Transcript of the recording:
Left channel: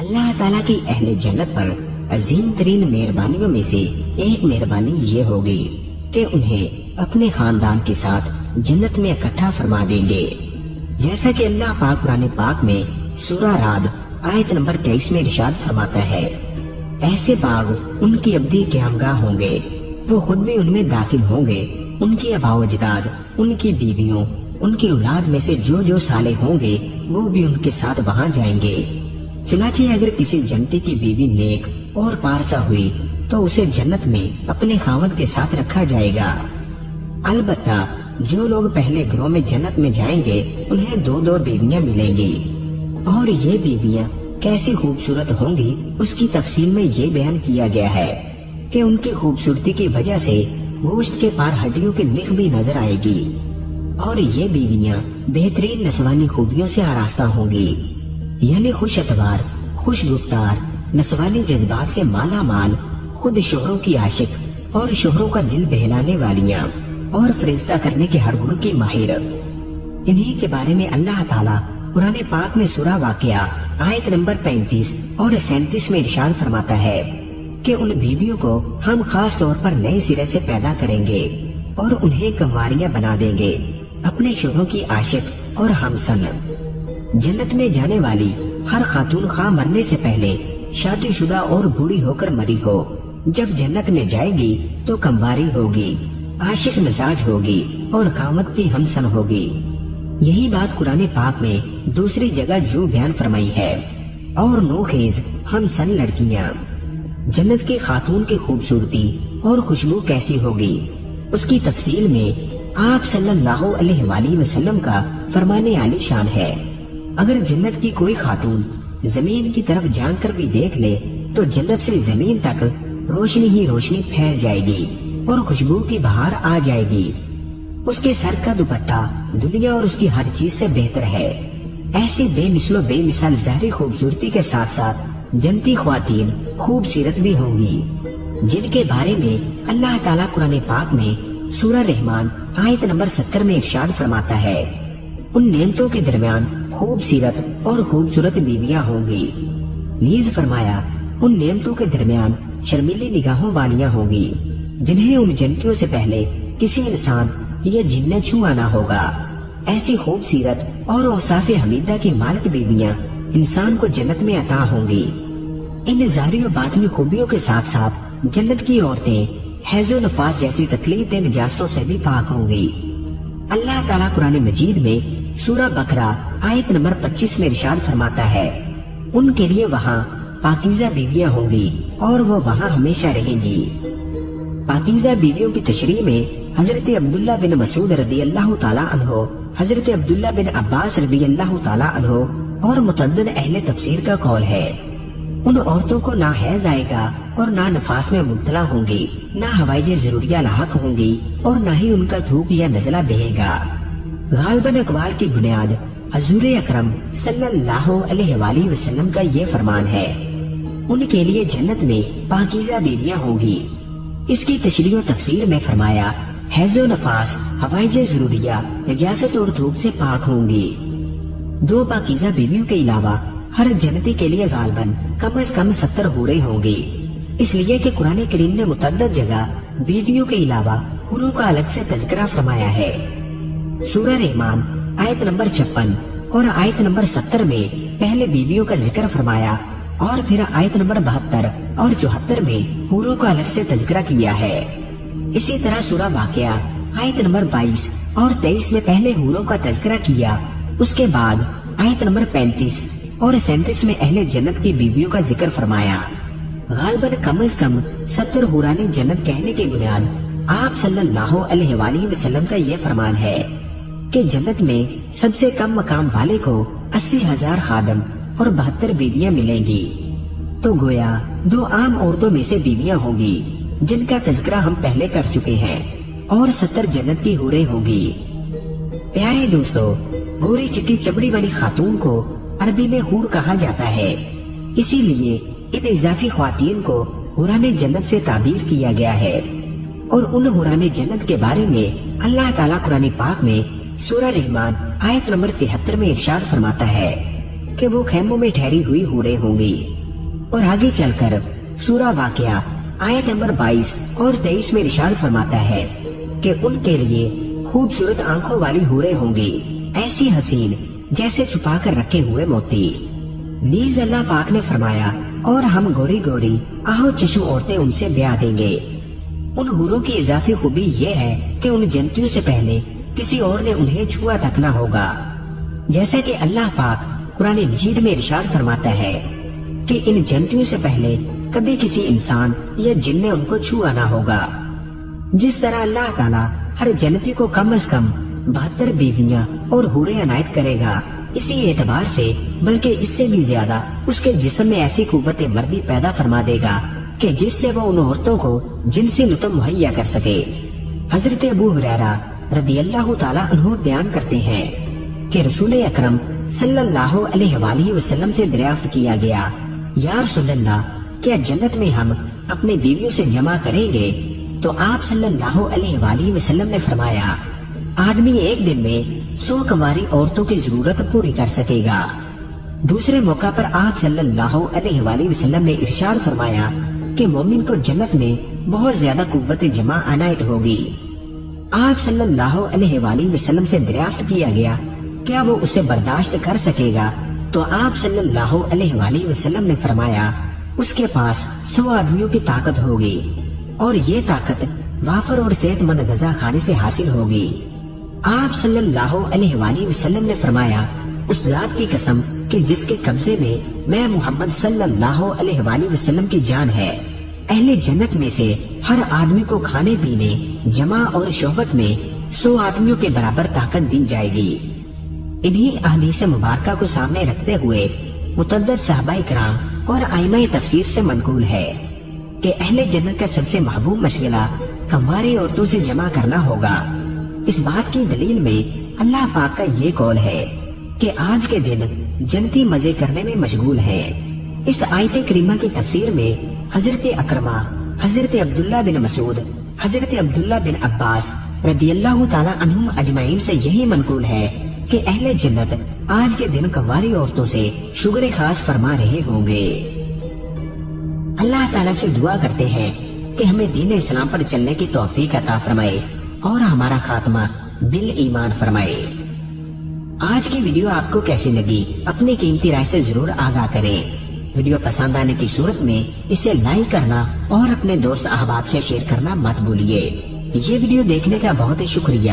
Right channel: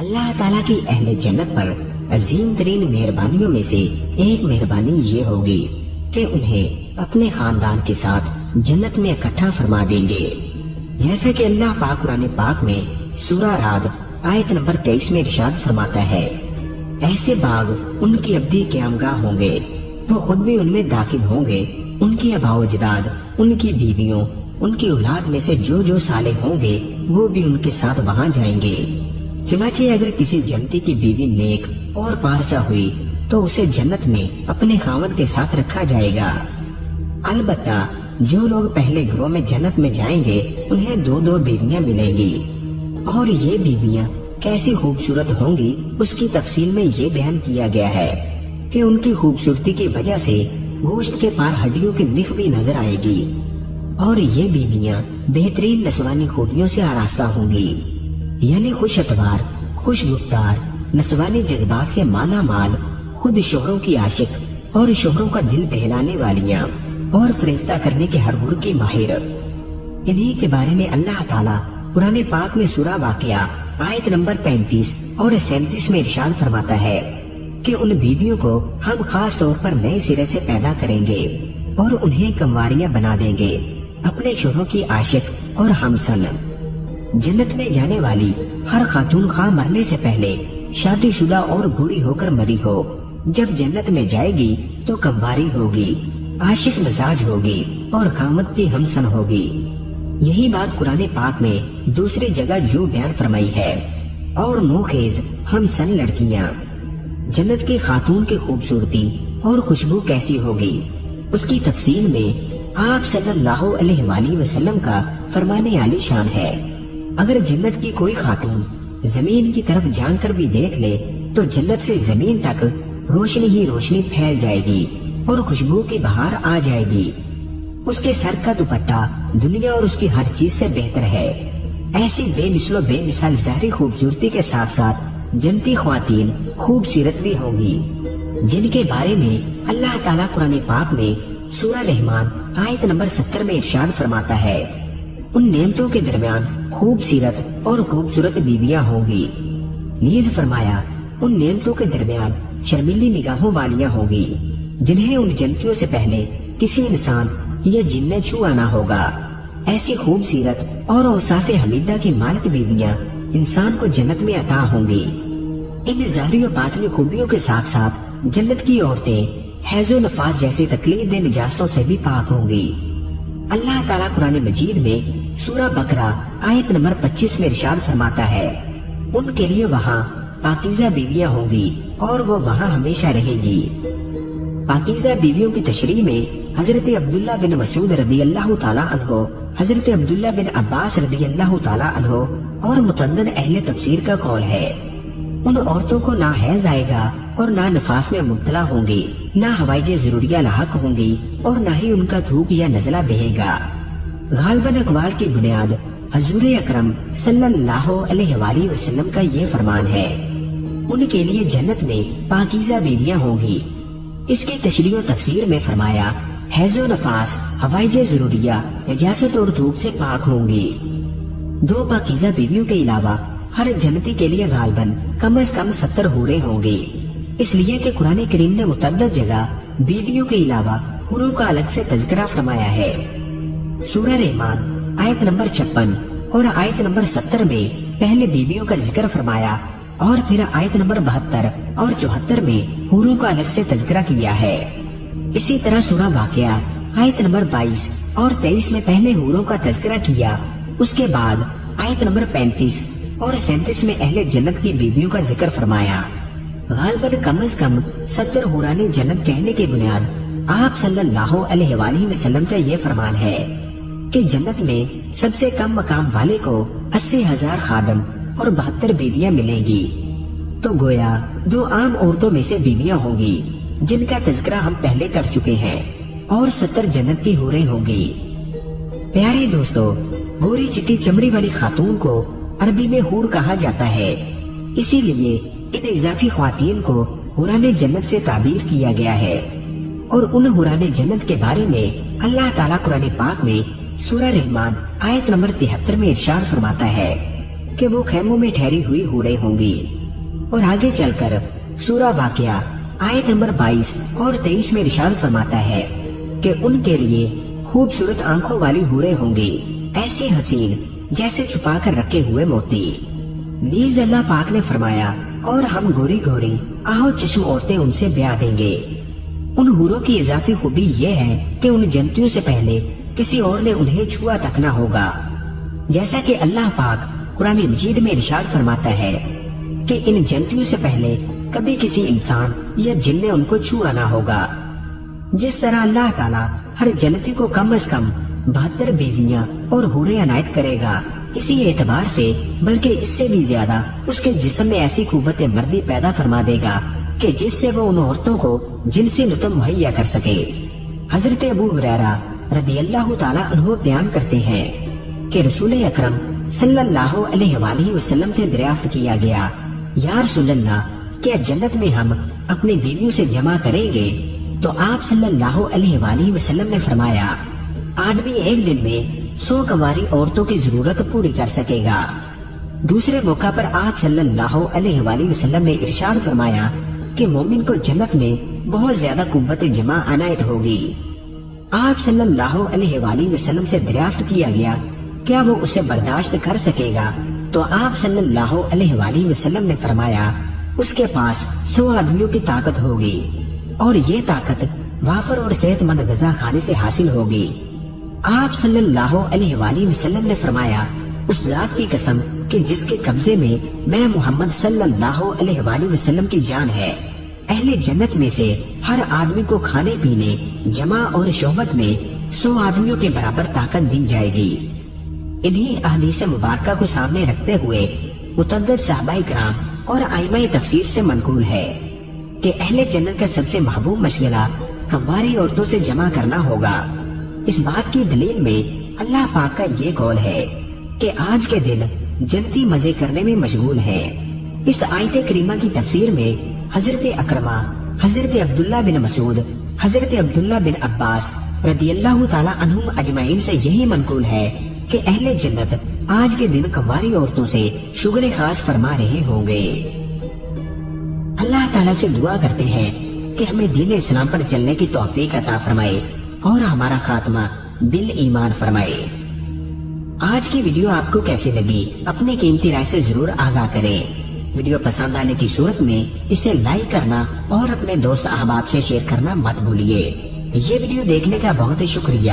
اللہ تعالیٰ کی اہل جنت پر عظیم ترین مہربانیوں میں سے ایک مہربانی یہ ہوگی کہ انہیں اپنے خاندان کے ساتھ جنت میں اکٹھا فرما دیں گے، جیسا کہ اللہ پاک قرآن پاک میں سورہ رعد آیت نمبر 23 میں ارشاد فرماتا ہے، ایسے باغ ان کی ابدی قیامگاہ ہوں گے، وہ خود بھی ان میں داخل ہوں گے، ان کے آباء و اجداد، ان کی بیویوں، ان کی اولاد میں سے جو جو صالح ہوں گے وہ بھی ان کے ساتھ وہاں جائیں گے۔ چنانچہ اگر کسی جنتی کی بیوی نیک اور پارسا ہوئی تو اسے جنت میں اپنے خاوند کے ساتھ رکھا جائے گا۔ البتہ جو لوگ پہلے گروہ میں جنت میں جائیں گے انہیں دو دو بیویاں ملیں گی، اور یہ بیویاں کیسی خوبصورت ہوں گی اس کی تفصیل میں یہ بیان کیا گیا ہے کہ ان کی خوبصورتی کی وجہ سے گوشت کے پار ہڈیوں کی نخ بھی نظر آئے گی، اور یہ بیویاں بہترین نسوانی خوبیوں سے آراستہ ہوں گی، یعنی خوش اتوار، خوش گفتار، نسوانی جذبات سے مالا مال، خود شوہروں کی عاشق اور شوہروں کا دل بہلانے والیاں، اور فریفتہ کرنے کے ہر ہر کی ماہر۔ انہی کے بارے میں اللہ تعالیٰ قرآن پاک میں سورہ واقعہ آیت نمبر 35 اور 37 میں ارشاد فرماتا ہے کہ ان بیویوں کو ہم خاص طور پر نئے سرے سے پیدا کریں گے اور انہیں کنواریاں بنا دیں گے، اپنے شوہروں کی عاشق اور ہمسن۔ جنت میں جانے والی ہر خاتون خواہ مرنے سے پہلے شادی شدہ اور بوڑھی ہو کر مری ہو، جب جنت میں جائے گی تو کنواری ہوگی، عاشق مزاج ہوگی اور خامد کی ہمسن ہوگی۔ یہی بات قرآن پاک میں دوسری جگہ جو بیان فرمائی ہے، اور نوخیز ہمسن لڑکیاں۔ جنت کے خاتون کی خوبصورتی اور خوشبو کیسی ہوگی اس کی تفصیل میں آپ صلی اللہ علیہ وآلہ وسلم کا فرمانے عالی شان ہے، اگر جنت کی کوئی خاتون زمین کی طرف جان کر بھی دیکھ لے تو جنت سے زمین تک روشنی ہی روشنی پھیل جائے گی اور خوشبو کی بہار آ جائے گی۔ اس کے سر کا دوپٹہ دنیا اور اس کی ہر چیز سے بہتر ہے۔ ایسی بے مثل و بے مثال ظاہری خوبصورتی کے ساتھ ساتھ جنتی خواتین خوبصورت بھی ہوں گی، جن کے بارے میں اللہ تعالیٰ قرآن پاک میں سورہ رحمان آیت نمبر 70 میں ارشاد فرماتا ہے، ان نعمتوں کے درمیان خوبصورت اور خوبصورت بیویاں ہوں گی، نیز فرمایا ان نعمتوں کے درمیان شرمیلی نگاہوں والیاں ہوں گی، جنہیں ان جنتیوں سے پہلے کسی انسان یا جن نے چھوا نہ ہوگا۔ ایسی خوبصورت اور اوصاف حمیدہ کی مالک بیویاں انسان کو جنت میں عطا ہوں گی۔ ان ظاہری و باطنی خوبیوں کے ساتھ ساتھ جنت کی عورتیں حیض و نفاس جیسی تکلیف دہ نجاستوں سے بھی پاک ہوں گی۔ اللہ تعالیٰ قرآن مجید میں سورہ بقرہ آیت نمبر 25 میں ارشاد فرماتا ہے، ان کے لیے وہاں پاکیزہ بیویاں ہوں گی اور وہ وہاں ہمیشہ رہیں گی۔ پاکیزہ بیویوں کی تشریح میں حضرت عبداللہ بن مسعود رضی اللہ تعالیٰ عنہ، حضرت عبداللہ بن عباس رضی اللہ تعالیٰ عنہ اور متعدد اہل تفسیر کا قول ہے، ان عورتوں کو نہ حیض آئے گا اور نہ نفاس میں مبتلا ہوں گی، نہ حوائج ضروریہ لاحق ہوں گی اور نہ ہی ان کا تھوک یا نزلہ بہے گا۔ غالباً اقوال کی بنیاد حضور اکرم صلی اللہ علیہ وآلہ وسلم کا یہ فرمان ہے، ان کے لیے جنت میں پاکیزہ بیویاں ہوں گی۔ اس کی تشریح و تفسیر میں فرمایا، حیض و نفاس، حوائج ضروریہ، نجاست اور دھوپ سے پاک ہوں گی۔ دو پاکیزہ بیویوں کے علاوہ ہر جنتی کے لیے غالباً کم از کم 70 حوریں ہوں گی، اس لیے کہ قرآن کریم نے متعدد جگہ بیویوں کے علاوہ حوروں کا الگ سے تذکرہ فرمایا ہے۔ سورہ رحمان آیت نمبر 56 اور آیت نمبر 70 میں پہلے بیویوں کا ذکر فرمایا، اور پھر آیت نمبر 72 اور 74 میں حوروں کا الگ سے تذکرہ کیا ہے۔ اسی طرح سورہ واقعہ آیت نمبر 22 اور 23 میں پہلے حوروں کا تذکرہ کیا، اس کے بعد آیت نمبر 35 اور 37 میں اہل جنت کی بیویوں کا ذکر فرمایا۔ غالباً کم از کم 70 حوران جنت کہنے کی بنیاد آپ صلی اللہ علیہ وآلہ وسلم کا یہ فرمان ہے کہ جنت میں سب سے کم مقام والے کو 80,000 خادم اور 72 بیویاں ملیں گی، تو گویا دو عام عورتوں میں سے بیویاں ہوں گی جن کا تذکرہ ہم پہلے کر چکے ہیں، اور 70 جنت کی حوریں ہوں گی۔ پیارے دوستو، بھوری چٹی چمڑی والی خاتون کو عربی میں حور کہا جاتا ہے، اسی لیے ان اضافی خواتین کو حوران جنت سے تعبیر کیا گیا ہے، اور ان حوران جنت کے بارے میں اللہ تعالیٰ قرآن پاک میں سورہ رحمان آیت نمبر 73 میں ارشاد فرماتا ہے، کہ وہ خیموں میں ٹھہری ہوئی ہوریں ہوں گی۔ اور آگے چل کر سورہ واقعہ آیت نمبر 22 اور 23 میں ارشاد فرماتا ہے کہ ان کے لیے خوبصورت آنکھوں والی ہوریں ہوں گی، ایسی حسین جیسے چھپا کر رکھے ہوئے موتی۔ نیز اللہ پاک نے فرمایا اور ہم گوری گوری آہو چشم عورتیں ان سے بیاہ دیں گے۔ ان حوروں کی اضافی خوبی یہ ہے کہ ان جنتیوں سے پہلے کسی اور نے انہیں چھوا تک نہ ہوگا، جیسا کہ اللہ پاک قرآن مجید میں ارشاد فرماتا ہے کہ ان جنتیوں سے پہلے کبھی کسی انسان یا جن نے ان کو چھوا نہ ہوگا۔ جس طرح اللہ تعالیٰ ہر جنتی کو کم از کم 72 بیویاں اور حوریں عنایت کرے گا، اسی اعتبار سے بلکہ اس سے بھی زیادہ اس کے جسم میں ایسی قوت مردی پیدا فرما دے گا کہ جس سے وہ ان عورتوں کو جنسی لطف مہیا کر سکے۔ حضرت ابو ہریرہ رضی اللہ تعالیٰ عنہ بیان کرتے ہیں کہ رسول اکرم صلی اللہ علیہ وآلہ وسلم سے دریافت کیا گیا، یا رسول اللہ، کیا جنت میں ہم اپنی بیویوں سے جمع کریں گے؟ تو آپ صلی اللہ علیہ وآلہ وسلم نے فرمایا، آدمی ایک دن میں 100 کنواری عورتوں کی ضرورت پوری کر سکے گا۔ دوسرے موقع پر آپ صلی اللہ علیہ وآلہ وسلم نے ارشاد فرمایا کہ مومن کو جنت میں بہت زیادہ قوت جمع عنایت ہوگی۔ آپ صلی اللہ علیہ وآلہ وسلم سے دریافت کیا گیا، کیا وہ اسے برداشت کر سکے گا؟ تو آپ صلی اللہ علیہ وآلہ وسلم نے فرمایا، اس کے پاس 100 آدمیوں کی طاقت ہوگی، اور یہ طاقت وافر اور صحت مند غذا کھانے سے حاصل ہوگی۔ آپ صلی اللہ علیہ وآلہ وسلم نے فرمایا، اس ذات کی قسم کہ جس کے قبضے میں محمد صلی اللہ علیہ وآلہ وسلم کی جان ہے، اہل جنت میں سے ہر آدمی کو کھانے پینے، جمع اور شہوت میں 100 آدمیوں کے برابر طاقت دی جائے گی۔ انہی احادیث مبارکہ کو سامنے رکھتے ہوئے متعدد صحابہ کرام اور ائمہ تفسیر سے منقول ہے کہ اہل جنت کا سب سے محبوب مشغلہ کنواری عورتوں سے جمع کرنا ہوگا۔ اس بات کی دلیل میں اللہ پاک کا یہ قول ہے کہ آج کے دن جنتی مزے کرنے میں مشغول ہیں۔ اس آیت کریمہ کی تفسیر میں حضرت اکرمہ، حضرت عبداللہ بن مسعود، حضرت عبداللہ بن عباس رضی اللہ تعالی عنہم اجمعین سے یہی منقول ہے کہ اہل جنت آج کے دن کنواری عورتوں سے شغل خاص فرما رہے ہوں گے۔ اللہ تعالیٰ سے دعا کرتے ہیں کہ ہمیں دین اسلام پر چلنے کی توفیق عطا فرمائے اور ہمارا خاتمہ دل ایمان فرمائے۔ آج کی ویڈیو آپ کو کیسی لگی اپنی قیمتی رائے سے ضرور آگاہ کریں۔ ویڈیو پسند آنے کی صورت میں اسے لائک کرنا اور اپنے دوست احباب سے شیئر کرنا مت بھولیے۔ یہ ویڈیو دیکھنے کا بہت ہی شکریہ۔